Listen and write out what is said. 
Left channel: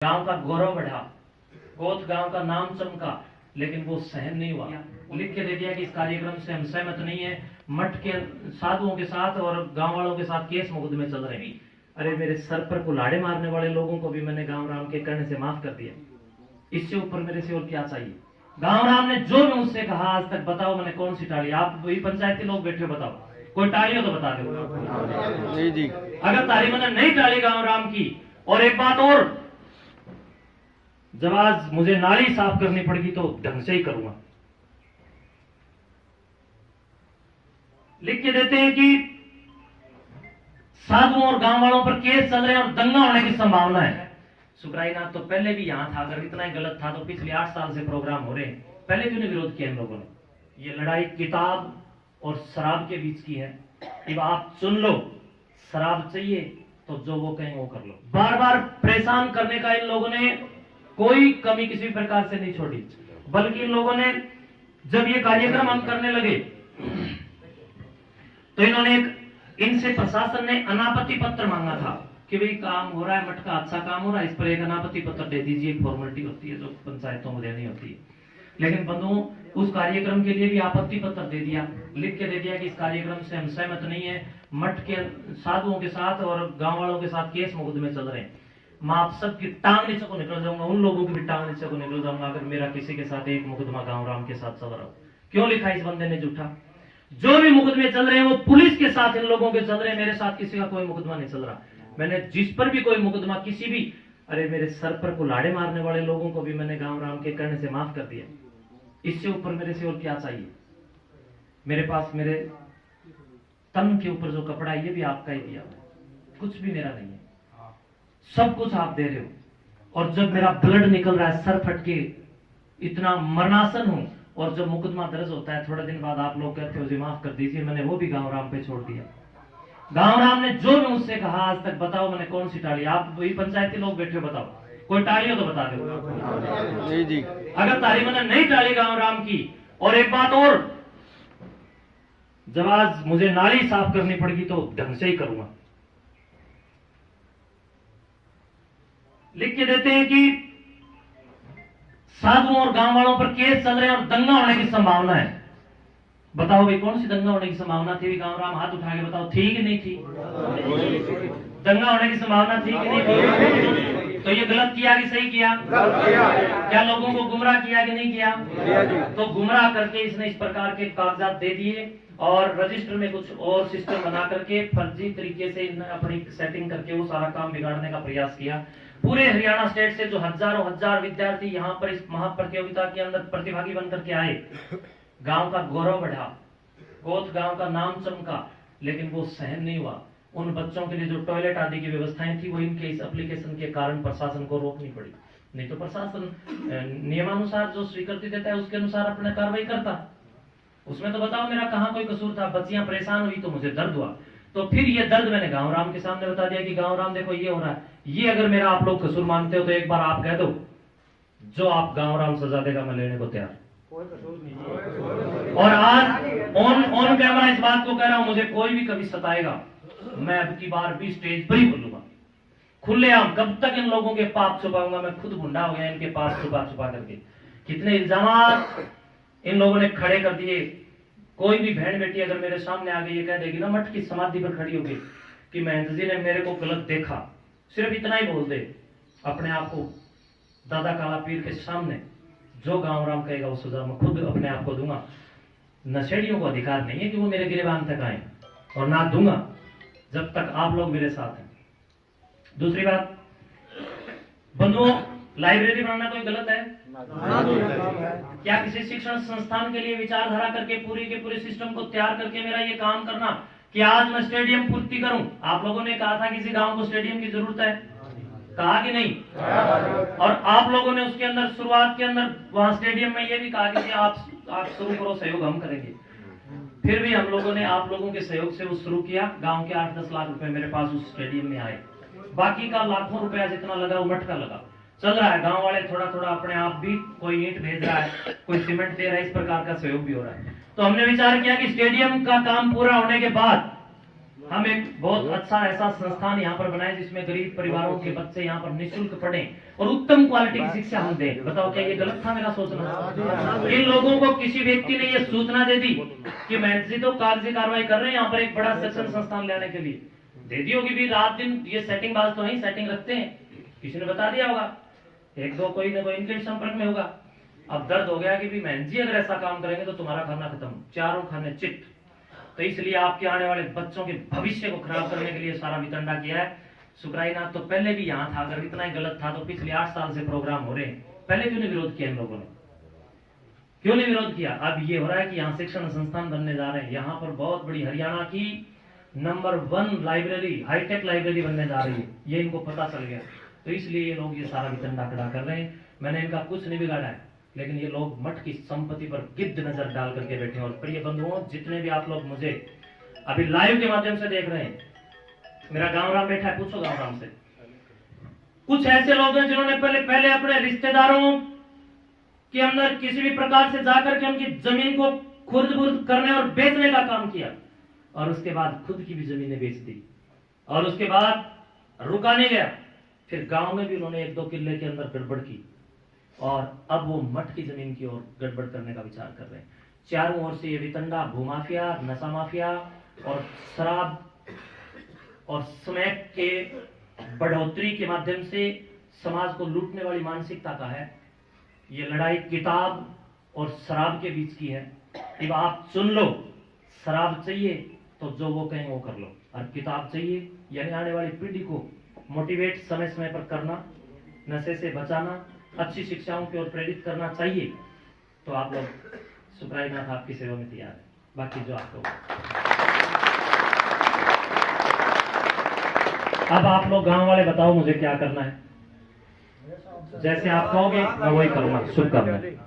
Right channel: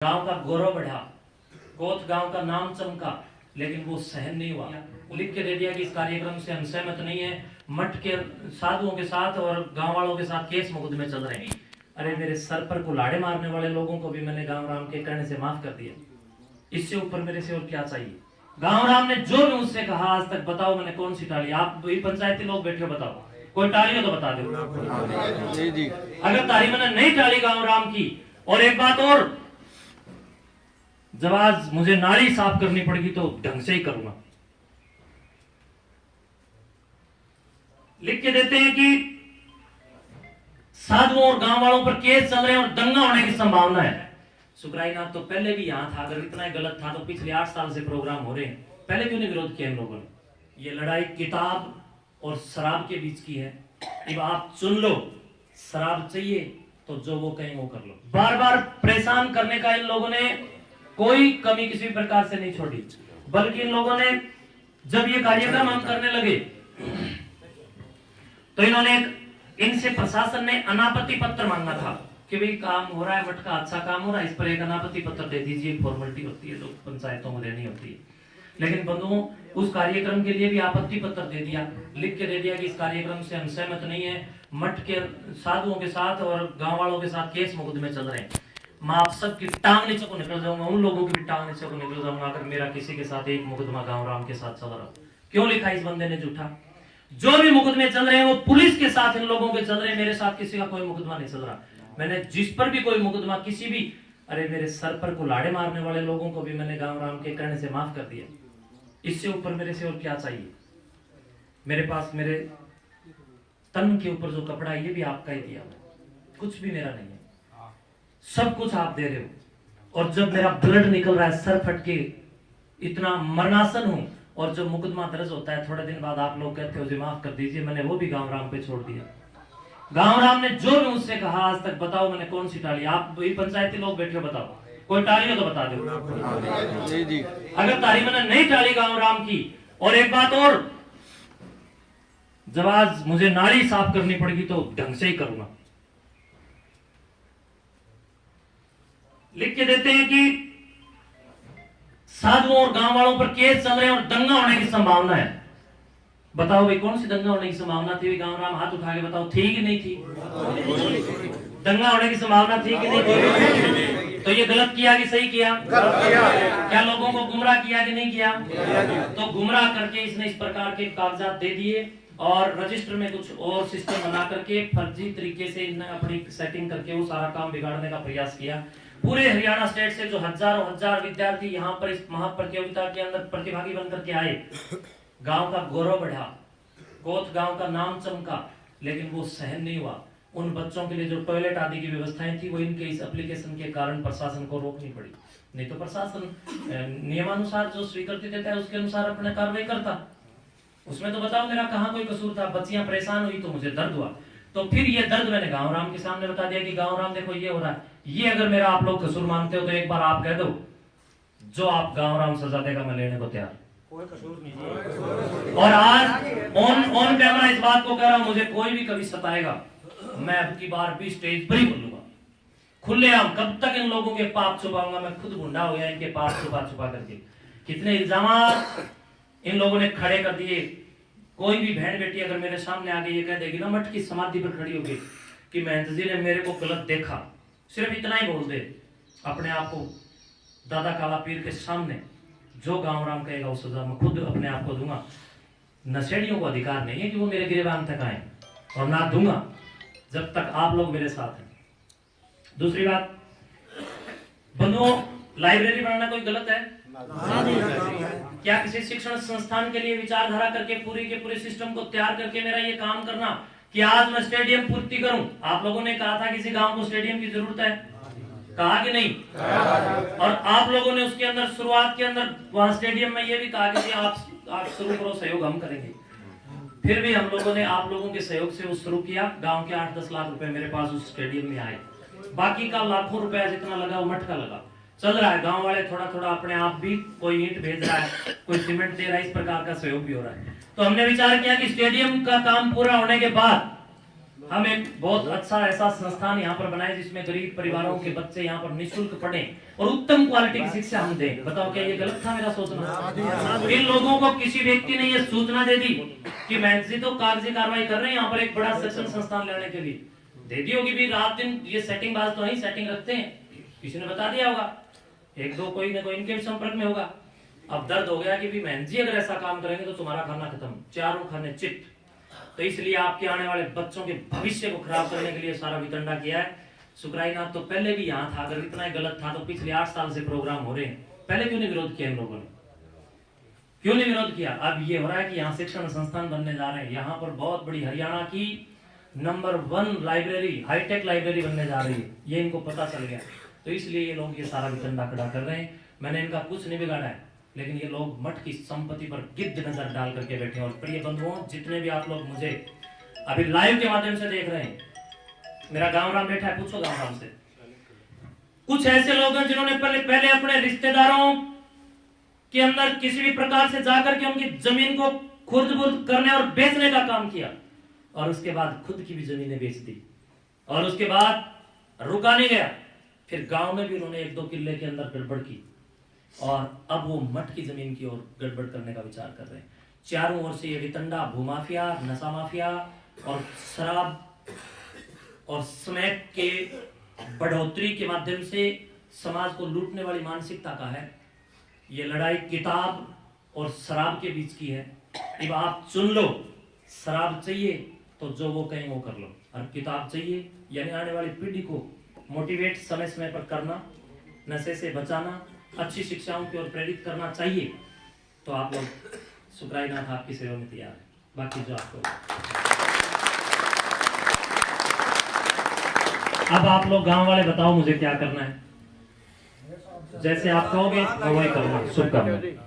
गांव का गौरव बढ़ा, कोत गांव का नाम चमका, लेकिन वो सहन नहीं हुआ। लिख के दे दिया कि इस कार्यक्रम से हम सहमत नहीं है। मठ के साधुओं के साथ और गांव वालों के साथ केस मुकदमे चल रहे हैं। अरे मेरे सर पर कुल्हाड़े मारने वाले लोगों को भी मैंने गांव राम के कहने से माफ कर दिया। इससे ऊपर मेरे से और क्या चाहिए। गांव राम ने जो भी मुझसे कहा आज तक, बताओ मैंने कौन सी टाली। आप वही पंचायती लोग बैठे हो, बताओ कोई टाली हो तो बता दो जी। अगर ताली मैंने नहीं टाली गांव राम की। और एक बात और, जब आज मुझे नाली साफ करनी पड़ेगी तो ढंग से ही करूंगा। लिख के देते हैं कि साधुओं और गांव वालों पर केस चल रहे हैं और दंगा होने की संभावना है। सुखराईनाथ तो पहले भी यहां था, अगर इतना ही गलत था तो पिछले 8 साल से प्रोग्राम हो रहे हैं, पहले क्यों नहीं विरोध किया इन लोगों ने। ये लड़ाई किताब और शराब के बीच की है। अब आप चुन लो, शराब चाहिए तो जो वो कहें वो कर लो। बार बार परेशान करने का इन लोगों ने कोई कमी किसी प्रकार से नहीं छोड़ी, बल्कि इन लोगों ने जब ये कार्यक्रम हम करने लगे तो इन्होंने इनसे प्रशासन ने अनापत्ति पत्र मांगा था कि भाई काम हो रहा है, मठ का अच्छा काम हो रहा है, इस पर एक अनापत्ति पत्र दे दीजिए। फॉर्मेलिटी होती है जो पंचायतों में देनी होती है। लेकिन बंधुओं, उस कार्यक्रम के लिए भी आपत्ति पत्र दे दिया, लिख के दे दिया कि इस कार्यक्रम से हम सहमत नहीं है। मठ के साधुओं के साथ और गांव वालों के साथ केस मुकदमे चल रहे हैं। मैं आप सबकी टांग नीचे को निकल जाऊंगा, उन लोगों की भी टांग नीचे को निकल जाऊंगा अगर मेरा किसी के साथ एक मुकदमा गांव राम के साथ चल रहा हो। क्यों लिखा इस बंदे ने झूठा। जो भी मुकदमे चल रहे हैं वो पुलिस के साथ इन लोगों के चल रहे हैं, मेरे साथ किसी का कोई मुकदमा नहीं चल रहा। मैंने जिस पर भी कोई मुकदमा किसी भी, अरे मेरे सर पर कुल्हाड़े मारने वाले लोगों को भी मैंने गांव राम के कहने से माफ कर दिया। इससे ऊपर मेरे से और क्या चाहिए। मेरे पास मेरे तन के ऊपर जो कपड़ा है ये भी आपका ही दिया है, कुछ भी मेरा नहीं है, सब कुछ आप दे रहे हो। और जब मेरा ब्लड निकल रहा है, सर फट के इतना मरणासन हूं, और जब मुकदमा दर्ज होता है थोड़े दिन बाद आप लोग कहते हो जी माफ कर दीजिए, मैंने वो भी गांव राम पे छोड़ दिया। गांव राम ने जो भी मुझसे कहा आज तक, बताओ मैंने कौन सी टाली। आप वही पंचायती लोग बैठे हो, बताओ कोई टाली हो तो बता दो जी। अगर ताली मैंने नहीं टाली गांव राम की। और एक बात और, जब आज मुझे नाली साफ करनी पड़ेगी तो ढंग से ही करूंगा। लिख के देते हैं कि साधुओं और गांव वालों पर केस चल रहे हैं और दंगा होने की संभावना है। बताओ भाई कौन सी दंगा होने की संभावना थी। गांव राम हाथ उठा के बताओ, थी कि नहीं थी। दंगा होने की संभावना थी कि नहीं थी। तो ये गलत किया कि सही किया। क्या लोगों को गुमराह किया कि नहीं किया। तो गुमराह करके इसने इस प्रकार के कागजात दे दिए और रजिस्टर में कुछ और सिस्टम बना करके फर्जी तरीके से इन्हें अपनी सेटिंग करके वो सारा काम बिगाड़ने का प्रयास किया। पूरे हरियाणा स्टेट से जो हजारों हजार विद्यार्थी यहाँ पर इस महाप्रतियोगिता के अंदर प्रतिभागी बनकर के आए, गांव का गौरव बढ़ा, कोत गांव का नाम चमका, लेकिन वो सहन नहीं हुआ। उन बच्चों के लिए जो टॉयलेट आदि की व्यवस्थाएं थी वो इनके इस एप्लीकेशन के कारण प्रशासन को रोकनी पड़ी। नहीं तो प्रशासन नियमानुसार जो स्वीकृति देता है उसके अनुसार अपने कार्रवाई करता। उसमें तो बताओ मेरा कहाँ कोई कसूर था। बच्चियां परेशान हुई तो मुझे दर्द हुआ, तो फिर ये दर्द मैंने गांव राम के सामने बता दिया कि गांव राम देखो ये हो रहा है। ये अगर मेरा आप लोग कसूर मानते हो तो एक बार आप कह दो, जो आप गांव राम सजा देगा मैं लेने को तैयार। और आज ऑन कैमरा इस बात को कह रहा हूं, मुझे कोई भी कभी सताएगा मैं अब की बार भी स्टेज पर ही बोलूंगा खुलेआम। कब तक इन लोगों के पाप छुपाऊंगा। मैं खुद गुंडा हो गया इनके पाप छुपा छुपा करके। कितने इल्जाम इन लोगों ने खड़े कर दिए। कोई भी बहन बेटी अगर मेरे सामने आ गई ये कह देगी ना, मठ की समाधि पर खड़ी होगी कि महंत जी ने मेरे को गलत देखा, सिर्फ इतना ही बोल दे अपने आप को दादा काला पीर के सामने, जो गांव राम कहेगा उस सजा मैं खुद अपने आप को दूंगा। नशेड़ियों को अधिकार नहीं है कि वो मेरे गिरबान तक आए, और ना दूंगा जब तक आप लोग मेरे साथ हैं। दूसरी बात बंधुओं, लाइब्रेरी बनाना कोई गलत है। क्या किसी शिक्षण संस्थान के लिए विचारधारा करके पूरी के पूरे सिस्टम को तैयार करके मेरा ये काम करना कि आज मैं स्टेडियम पूर्ति करूं। आप लोगों ने कहा था किसी गांव को स्टेडियम की जरूरत है, कहा कि नहीं। और आप लोगों ने उसके अंदर शुरुआत के अंदर वहां स्टेडियम में ये भी कहा कि आप शुरू करो, सहयोग हम करेंगे। फिर भी हम लोगों ने आप लोगों के सहयोग से वो शुरू किया। गांव के 8-10 लाख रुपए मेरे पास उस स्टेडियम में आए। बाकी का लाखों रुपया जितना लगा वो मठ का लगा। चल रहा है, गांव वाले थोड़ा थोड़ा अपने आप भी, कोई ईंट भेज रहा है, कोई सीमेंट दे रहा है, इस प्रकार का सहयोग भी हो रहा है। तो हमने विचार किया कि स्टेडियम का काम पूरा होने के बाद हम एक बहुत अच्छा ऐसा संस्थान यहाँ पर बनाए जिसमें गरीब परिवारों के बच्चे यहाँ पर निःशुल्क पढ़ें और उत्तम क्वालिटी की शिक्षा हम दें। बताओ क्या ये गलत था मेरा सोचना? इन लोगों को किसी व्यक्ति ने ये सूचना दे दी कि महंत जी तो कागजी कार्रवाई कर रहे हैं यहाँ पर एक बड़ा शिक्षण संस्थान लाने के लिए, दे दी होगी भी रात दिन ये सेटिंग बाज तो नहीं सेटिंग रखते हैं, किसी ने बता दिया होगा, एक दो कोई ना कोई इनके भी संपर्क में होगा। अब दर्द हो गया कि भी महंत जी अगर ऐसा काम करेंगे तो तुम्हारा खाना खत्म, चारों खाने चिट। तो इसलिए आपके आने वाले बच्चों के भविष्य को खराब करने के लिए सारा वितंडा किया है। सुकराईनाथ तो पहले भी यहाँ था, अगर इतना ही गलत था तो पिछले 8 साल से प्रोग्राम हो रहे हैं, पहले क्यों नहीं विरोध किया इन लोगों ने, क्यों नहीं विरोध किया? अब ये हो रहा है कि यहाँ शिक्षण संस्थान बनने जा रहे हैं, यहाँ पर बहुत बड़ी हरियाणा की नंबर 1 लाइब्रेरी, हाईटेक लाइब्रेरी बनने जा रही है, ये इनको पता चल गया। तो इसलिए ये लोग ये सारा वितंडा खड़ा कर रहे हैं। मैंने इनका कुछ नहीं बिगाड़ा है, लेकिन ये लोग मठ की संपत्ति पर गिद्ध नजर डाल करके बैठे हैं। और प्रिय बंधुओं, जितने भी आप लोग मुझे अभी लाइव के माध्यम से देख रहे हैं, मेरा गांव राम बैठा है, पूछो गांव राम से। कुछ ऐसे लोग हैं जिन्होंने पहले अपने रिश्तेदारों के अंदर किसी भी प्रकार से जाकर के उनकी जमीन को खुर्द-बुर्द करने और बेचने का काम किया, और उसके बाद खुद की भी जमीनें बेच दी, और उसके बाद रुका नहीं गया, फिर गांव में भी उन्होंने 1-2 किले के अंदर गड़बड़ की, और अब वो मठ की जमीन की ओर गड़बड़ करने का विचार कर रहे हैं। चारों ओर से ये वितंडा, भूमाफिया, नशा माफिया और शराब और स्मैक के बढ़ोतरी के माध्यम से समाज को लूटने वाली मानसिकता का है। ये लड़ाई किताब और शराब के बीच की है। अब आप चुन लो, शराब चाहिए तो जो वो कहें वो कर लो, और किताब चाहिए यानी आने वाली पीढ़ी को मोटिवेट समय समय पर करना, नशे से बचाना, अच्छी शिक्षाओं की ओर प्रेरित करना चाहिए, तो आप लोग सुकराईनाथ आपकी सेवा में तैयार है। बाकी जो आपको अब आप लोग गांव वाले बताओ मुझे क्या करना है, जैसे आप कहोगे मैं वही करूंगा। शुभकामनाएं।